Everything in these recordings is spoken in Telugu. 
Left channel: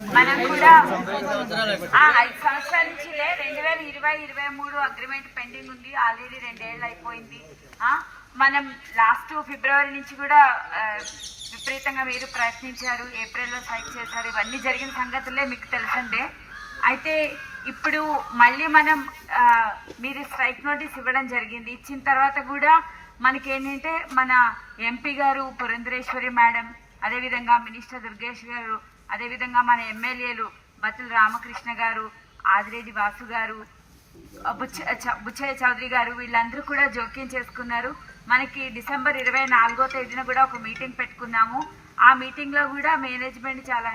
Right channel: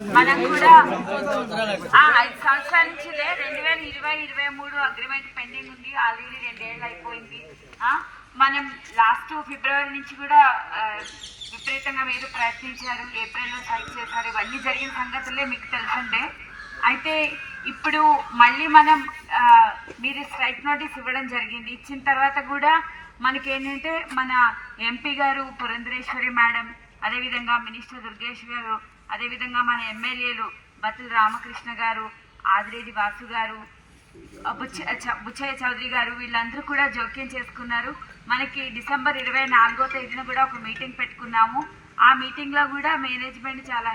మనం కూడా 5 సంవత్సరాల నుంచి 2020-23 అగ్రిమెంట్ పెండింగ్ ఉంది. ఆల్రెడీ 2 ఏళ్ళు అయిపోయింది. మనం లాస్ట్ ఫిబ్రవరి నుంచి కూడా విపరీతంగా మీరు ప్రయత్నించారు. ఏప్రిల్లో స్ట్రైక్ చేశారు. ఇవన్నీ జరిగిన సంగతులే మీకు తెలుసుండే. అయితే ఇప్పుడు మళ్ళీ మనం మీరు స్ట్రైక్ నోటీస్ ఇవ్వడం జరిగింది. ఇచ్చిన తర్వాత కూడా మనకేంటంటే మన ఎంపీ గారు పురంధరేశ్వరి మేడం, అదేవిధంగా మినిస్టర్ దుర్గేష్ గారు, అదేవిధంగా మన ఎమ్మెల్యేలు బతుల రామకృష్ణ గారు, ఆదిరెడ్డి వాసు గారు, బుచ్చయ్య చౌదరి గారు, వీళ్ళందరూ కూడా జోక్యం చేసుకున్నారు. మనకి డిసెంబర్ 24వ తేదీన కూడా ఒక మీటింగ్ పెట్టుకున్నాము. ఆ మీటింగ్లో కూడా మేనేజ్మెంట్ చాలా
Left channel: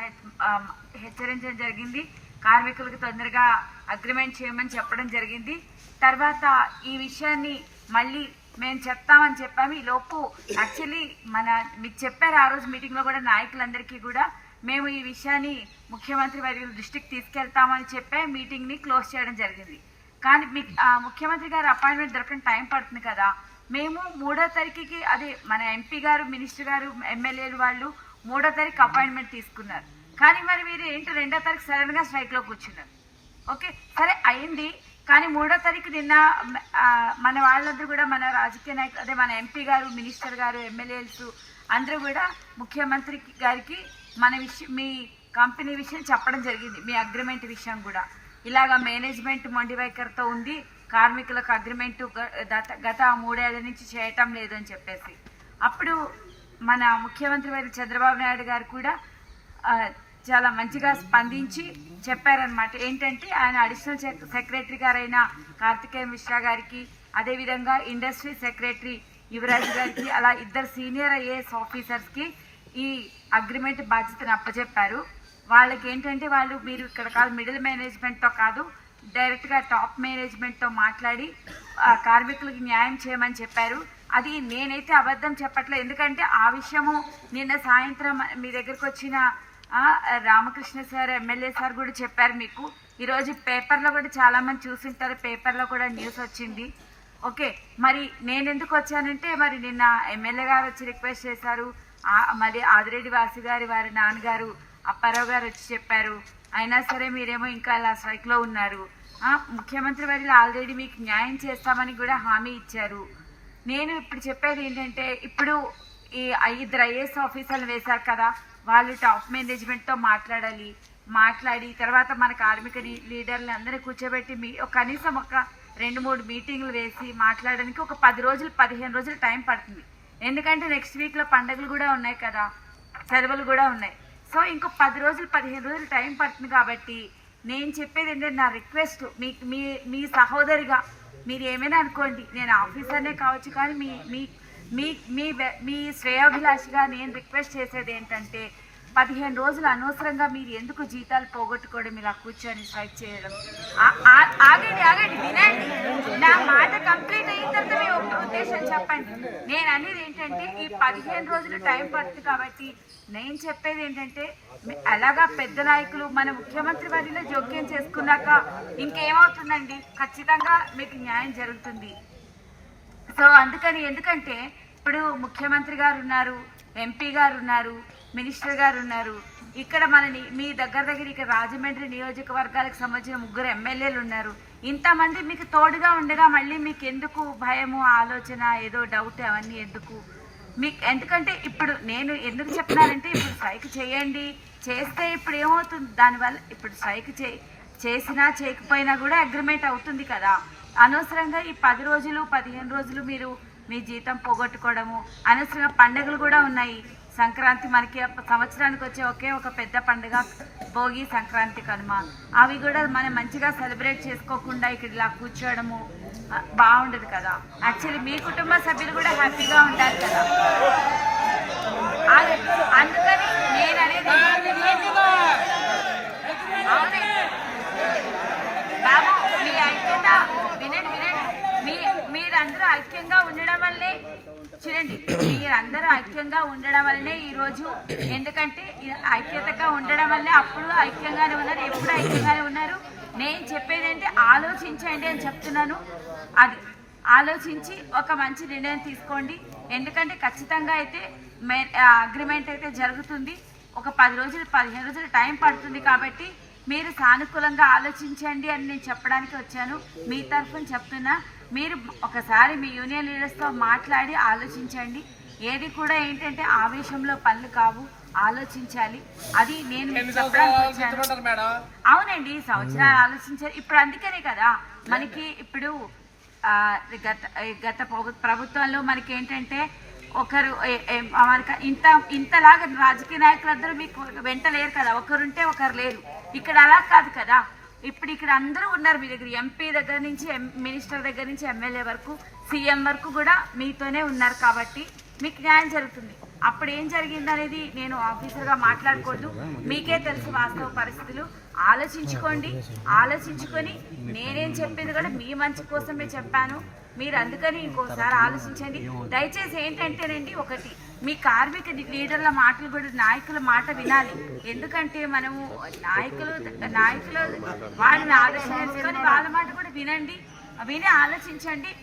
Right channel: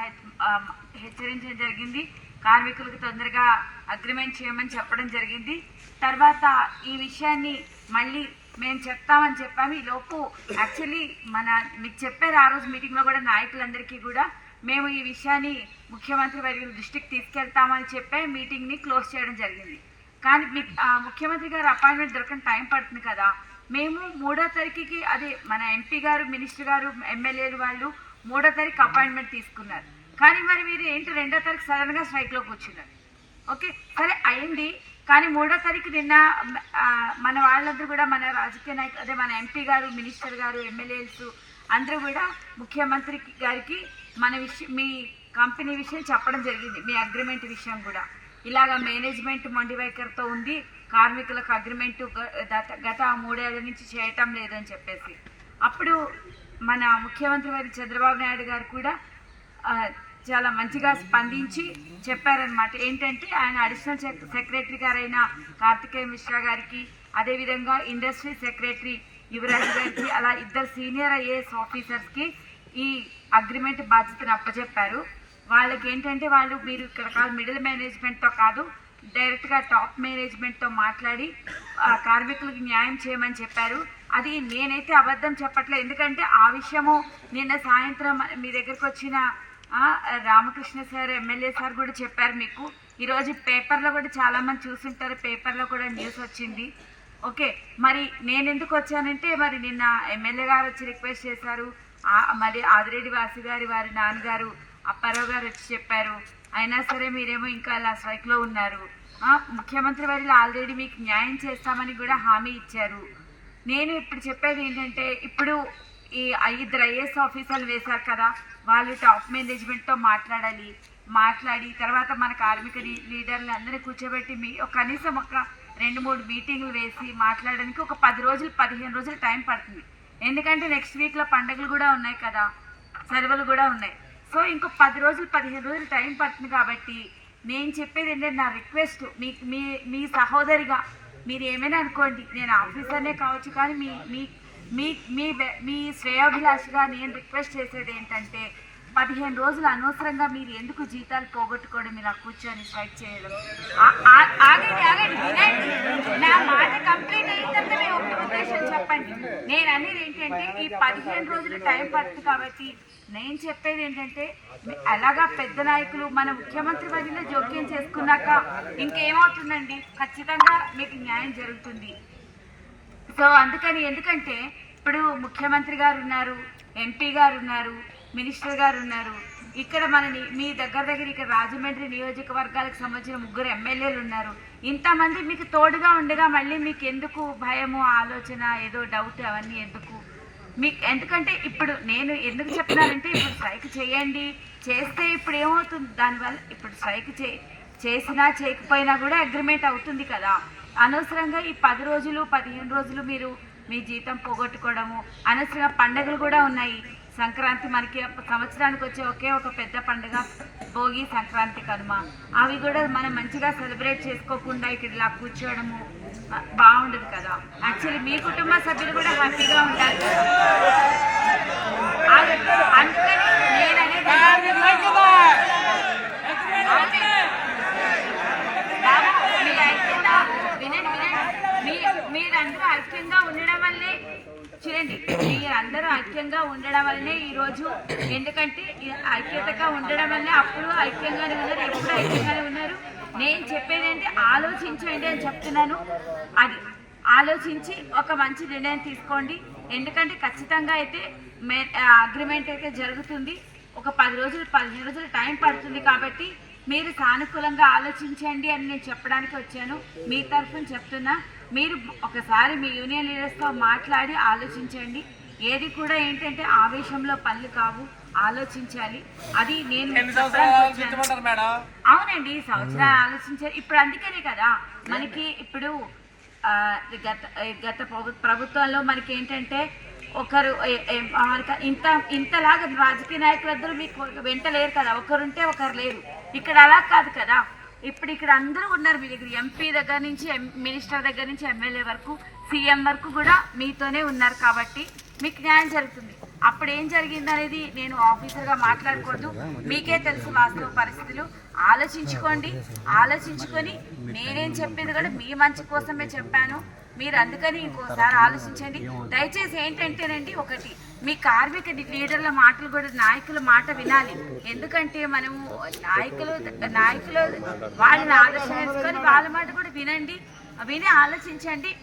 హెచ్చరించడం జరిగింది. కార్మికులకు తొందరగా అగ్రిమెంట్ చేయమని చెప్పడం జరిగింది. తర్వాత ఈ విషయాన్ని మళ్ళీ మేము చెప్తామని చెప్పాము. ఈ లోపు యాక్చువల్లీ మీకు చెప్పారు ఆ రోజు మీటింగ్లో కూడా నాయకులందరికీ కూడా మేము ఈ విషయాన్ని ముఖ్యమంత్రి వర్యుల దృష్టికి తీసుకెళ్తామని చెప్పే మీటింగ్ని క్లోజ్ చేయడం జరిగింది. కానీ ముఖ్యమంత్రి గారు అపాయింట్మెంట్ దొరకని టైం పడుతుంది కదా. మేము 3వ తారీఖుకి అది మన ఎంపీ గారు, మినిస్టర్ గారు, ఎమ్మెల్యేలు వాళ్ళు 3వ తారీఖు అపాయింట్మెంట్ తీసుకున్నారు. కానీ మరి మీరు ఏంటి 2వ తారీఖు సడన్గా స్ట్రైక్లో కూర్చున్నారు. ఓకే సరే అయింది. కానీ 3వ తారీఖు నిన్న మన వాళ్ళందరూ కూడా మన రాజకీయ నాయకులు, అదే మన ఎంపీ గారు, మినిస్టర్ గారు, ఎమ్మెల్యేస్ అందరూ కూడా ముఖ్యమంత్రి గారికి మన మీ కంపెనీ విషయం చెప్పడం జరిగింది. మీ అగ్రిమెంట్ విషయం కూడా ఇలాగా మేనేజ్మెంట్ మొండి వైఖరితో ఉంది, కార్మికులకు అగ్రిమెంట్ గత 3 ఏళ్ల నుంచి చేయటం లేదు అని చెప్పేసి అప్పుడు మన ముఖ్యమంత్రి వారి చంద్రబాబు నాయుడు గారు కూడా చాలా మంచిగా స్పందించి చెప్పారనమాట. ఏంటంటే ఆయన అడిషనల్ సెక్రటరీ గారైన కార్తికేయ మిశ్రా గారికి, అదేవిధంగా ఇండస్ట్రీ సెక్రటరీ యువరాజ్ గారికి, అలా 2 సీనియర్ ఐఏఎస్ ఆఫీసర్స్కి ఈ అగ్రిమెంట్ బాధ్యతను అప్పచెప్పారు. వాళ్ళకి ఏంటంటే మీరు ఇక్కడ కాదు, మిడిల్ మేనేజ్మెంట్తో కాదు, డైరెక్ట్గా టాప్ మేనేజ్మెంట్తో మాట్లాడి కార్మికులకు న్యాయం చేయమని చెప్పారు. అది నేనైతే అబద్ధం చెప్పట్లేదు. ఎందుకంటే ఆ విషయము నిన్న సాయంత్రం మీ దగ్గరకు వచ్చిన రామకృష్ణ సార్, ఎమ్మెల్యే సార్ కూడా చెప్పారు మీకు. ఈరోజు పేపర్లో కూడా చాలామంది చూసుంటారు, పేపర్లో కూడా న్యూస్ వచ్చింది. ఓకే మరి నేను ఎందుకు వచ్చానంటే మరి నిన్న ఎమ్మెల్యే గారు వచ్చి రిక్వెస్ట్ చేశారు, మరి ఆదిరెడ్డి వాసు గారి వారి నాన్నగారు అప్పారావు గారు వచ్చి చెప్పారు. అయినా సరే మీరేమో ఇంకా అలా స్ట్రైక్లో ఉన్నారు. ముఖ్యమంత్రి వారిలో ఆల్రెడీ మీకు న్యాయం చేస్తామని కూడా హామీ ఇచ్చారు. నేను ఇప్పుడు చెప్పేది ఏంటంటే ఇప్పుడు ఈ 5 ఐఏఎస్ ఆఫీసర్లు వేశారు కదా, వాళ్ళు టాప్ మేనేజ్మెంట్తో మాట్లాడి తర్వాత మన కార్మిక లీడర్లు అందరినీ కూర్చోబెట్టి కనీసం ఒక 2-3 మీటింగ్లు వేసి మాట్లాడడానికి ఒక 10 రోజులు 15 రోజులు టైం పడుతుంది. ఎందుకంటే నెక్స్ట్ వీక్లో పండుగలు కూడా ఉన్నాయి కదా, సెలవులు కూడా ఉన్నాయి. సో ఇంకో 10 రోజులు 15 రోజులు టైం పడుతుంది. కాబట్టి నేను చెప్పేది ఏంటంటే నా రిక్వెస్ట్ మీ సహోదరిగా మీరు ఏమైనా అనుకోండి, నేను ఆఫీసర్నే కావచ్చు, కానీ మీ శ్రేయోభిలాషిగా నేను రిక్వెస్ట్ చేసేది ఏంటంటే 15 రోజులు అనవసరంగా మీరు ఎందుకు జీతాలు పోగొట్టుకోవడం, ఇలా కూర్చొని స్ట్రైక్ చేయడం. ఆగండి వినండి, నా మాట కంప్లీట్ అయిందంటే మీ ఉద్దేశం చెప్పండి. నేను అనేది ఏంటంటే ఈ 15 రోజులు టైం పడుతుంది. కాబట్టి నేను చెప్పేది ఏంటంటే అలాగా పెద్ద నాయకులు మన ముఖ్యమంత్రి వారిలో జోక్యం చేసుకున్నాక ఇంకేమవుతుందండి, ఖచ్చితంగా మీకు న్యాయం జరుగుతుంది. సో అందుకని ఎందుకంటే ఇప్పుడు ముఖ్యమంత్రి గారు ఉన్నారు, ఎంపీ గారు ఉన్నారు, మినిస్టర్ గారు ఉన్నారు, ఇక్కడ మీ దగ్గర ఇక్కడ రాజమండ్రి నియోజకవర్గాలకు సంబంధించిన 3 ఎమ్మెల్యేలు ఉన్నారు. ఇంతమంది మీకు తోడుగా ఉండగా మళ్ళీ మీకు ఎందుకు భయము, ఆలోచన, ఏదో డౌట్, అవన్నీ ఎందుకు ఎందుకంటే ఇప్పుడు నేను ఎందుకు చెప్తున్నానంటే ఇప్పుడు స్ట్రైక్ చేయండి, చేస్తే ఇప్పుడు ఏమవుతుంది దానివల్ల, ఇప్పుడు స్ట్రైక్ చేసినా చేయకపోయినా కూడా అగ్రిమెంట్ అవుతుంది కదా. అనవసరంగా ఈ 10 రోజులు 15 రోజులు మీరు మీ జీతం పోగొట్టుకోవడము, అనవసరంగా పండుగలు కూడా ఉన్నాయి. సంక్రాంతి మనకి సంవత్సరానికి వచ్చే ఒకే ఒక పెద్ద పండుగ భోగి, సంక్రాంతి, కనుమ. అవి కూడా మనం మంచిగా సెలబ్రేట్ చేసుకోకుండా ఇక్కడ ఇలా కూర్చోవడము బాగుండదు కదా. యాక్చువల్లీ మీ కుటుంబ సభ్యులు కూడా హ్యాపీగా ఉంటారు కదా. అందుకని నేను అనేది మీరందరూ ఐక్యంగా ఉండడం వల్లే చూడండి, మీరందరూ ఐక్యంగా ఉండడం వల్లనే ఈరోజు, ఎందుకంటే ఐక్యతగా ఉండడం వల్లే అప్పుడు ఐక్యంగానే ఉన్నారు, ఎప్పుడు ఐక్యంగానే ఉన్నారు. నేను చెప్పేది ఏంటి, ఆలోచించండి అని చెప్తున్నాను. అది ఆలోచించి ఒక మంచి నిర్ణయం తీసుకోండి. ఎందుకంటే ఖచ్చితంగా అయితే అగ్రిమెంట్ అయితే జరుగుతుంది. ఒక 10 రోజులు 15 రోజులు టైం పడుతుంది కాబట్టి మీరు సానుకూలంగా ఆలోచించండి అని నేను చెప్పడానికి వచ్చాను. మీ తరఫున చెప్తున్నా, మీరు ఒకసారి మీ యూనియన్ లీడర్స్తో మాట్లాడి ఆలోచించండి. ఏది కూడా ఏంటంటే ఆవేశంలో పనులు కావు, ఆలోచించాలి. అది నేను అవునండి, సంవత్సరాలు ఆలోచించాలి. ఇప్పుడు అందుకనే కదా మనకి ఇప్పుడు గత ప్రభుత్వంలో మనకి ఏంటంటే ఒకరు మనకి ఇంతలాగా రాజకీయ నాయకులందరూ మీకు వెంట లేరు కదా, ఒకరుంటే ఒకరు లేరు. ఇక్కడ అలా కాదు కదా. ఇప్పుడు ఇక్కడ అందరూ ఉన్నారు మీ దగ్గర, ఎంపీ దగ్గర నుంచి మినిస్టర్ దగ్గర నుంచి ఎమ్మెల్యే వరకు సీఎం వరకు కూడా మీతోనే ఉన్నారు కాబట్టి మీకు న్యాయం జరుగుతుంది. అప్పుడు ఏం జరిగింది అనేది నేను ఆఫీసర్గా మాట్లాడకూడదు, మీకే తెలుసు వాస్తవ పరిస్థితులు. ఆలోచించుకోండి, ఆలోచించుకొని నేనేం చెప్పింది కూడా మీ మంచి కోసమే చెప్పాను. మీరు అందుకని ఇంకోసారి ఆలోచించండి. దయచేసి ఏంటంటేనండి, ఒకటి మీ కార్మిక లీడర్ల మాటలు కూడా నాయకుల మాట వినాలి. ఎందుకంటే మనము నాయకులు వాళ్ళని ఆలోచించుకొని వాళ్ళ మాట కూడా వినండి, విని ఆలోచించండి.